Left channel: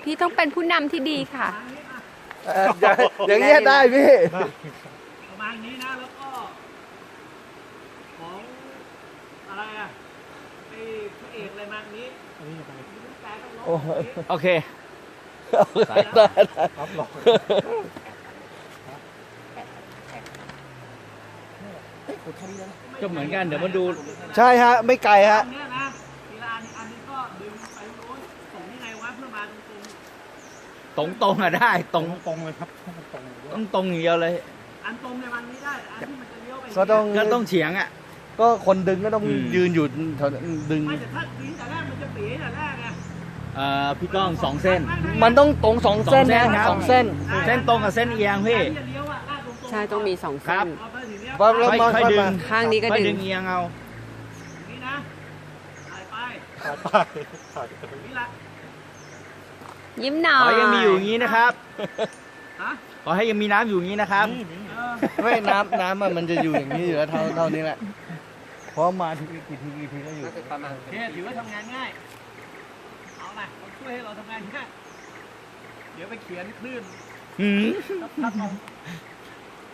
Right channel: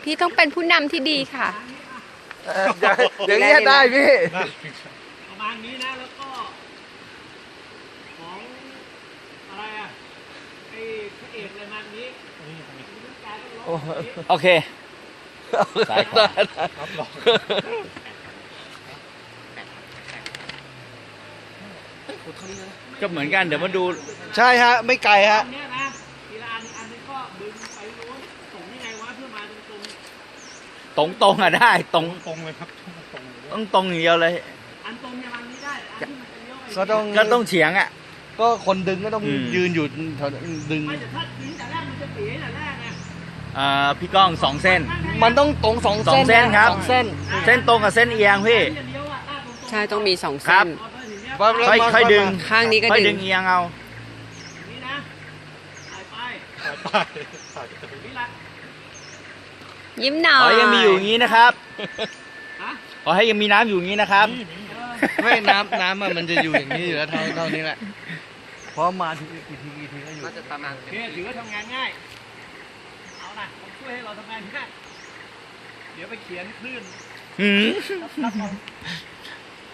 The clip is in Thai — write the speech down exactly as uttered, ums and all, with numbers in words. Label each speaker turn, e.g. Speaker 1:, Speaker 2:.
Speaker 1: พี่ต้องเป็นผู้นำที่ดีค่ะ
Speaker 2: อย่างนี้ได้พี่
Speaker 3: ประมาณนี้นะแล้วก็ของอะไรอ่ะไอ้พระเอกอะไรมานี้ลูกกายต้องร้อง
Speaker 4: โอเค
Speaker 2: ได้
Speaker 3: รับรอง
Speaker 4: ก็เหมือนกันเดี๋ยวมาดู
Speaker 2: ใช่ฮะไม่ไกลฮะ
Speaker 3: เนี้ยนะทีละอันอันนึงก็ดึงไปโน้นส่งยังไงวะเพื่อมาตรงตรง
Speaker 4: ตรงตรงๆอะได้ตรง
Speaker 3: ตรงเลยครับตรง
Speaker 4: ต้องตรงอย่างเดียวเลย
Speaker 3: อันตรงเนี่ยมันนี้ได้แต่อันที่มันจะเลี้ยวไป
Speaker 2: ก็ต้อง
Speaker 4: ก็ต้องเฉียงอ่ะ
Speaker 2: ก็คนดึงก็ต้อง
Speaker 4: อืม
Speaker 2: ยืนอยู่แถวนั้นดึง
Speaker 3: ไม่แต่ถ้าดึงแต่แรกมันจะเป๋แต่แรกไง
Speaker 4: อ่าพี่ก้องสองเส้น
Speaker 2: มันต้องตรงสองเส้น
Speaker 4: สองเส้นครับ
Speaker 2: สองเส้น
Speaker 4: เส้นตรงกับเส้นเอียงพี่
Speaker 3: เลี้ยวอ่ะลาดตรงๆ
Speaker 1: ใช่ต้องมีสอง
Speaker 4: ครั
Speaker 1: เส้
Speaker 4: บ
Speaker 1: น
Speaker 3: พอไปถึงเนี้ย
Speaker 2: ปั๊บแล้ว
Speaker 4: ค่อย
Speaker 2: มา
Speaker 4: ค่อยดึง
Speaker 1: ข้างนี้ก็
Speaker 4: ค่อย
Speaker 1: ดึ
Speaker 4: ดึ
Speaker 1: ง
Speaker 4: งเอียงเอา
Speaker 3: นี่นะถ่ายไปถ่ายไปนี่ละ
Speaker 1: ยิ้มหน่อ
Speaker 4: ขอให้ยังมีอยู่อย่าง
Speaker 1: ย
Speaker 4: นี้นะครับ
Speaker 3: ฮะ
Speaker 4: ขอให้ยังมีน้ำอยู่อย่างนี้นะครับ
Speaker 3: เออ
Speaker 2: ไม่น้ำน้ำอะมันจะอยู่อย่างนี้อยู่แล้วเท่าเท่านี้แหละเพราะมาทีกี่ทีกี่ทีก็อยู่
Speaker 3: โอเคถือว่าทำงานง่ายเอานะต้องช่วยให้เราทำงานง่ายเดี๋ยวไปเขียนคลื่น
Speaker 4: หืม
Speaker 3: ครับ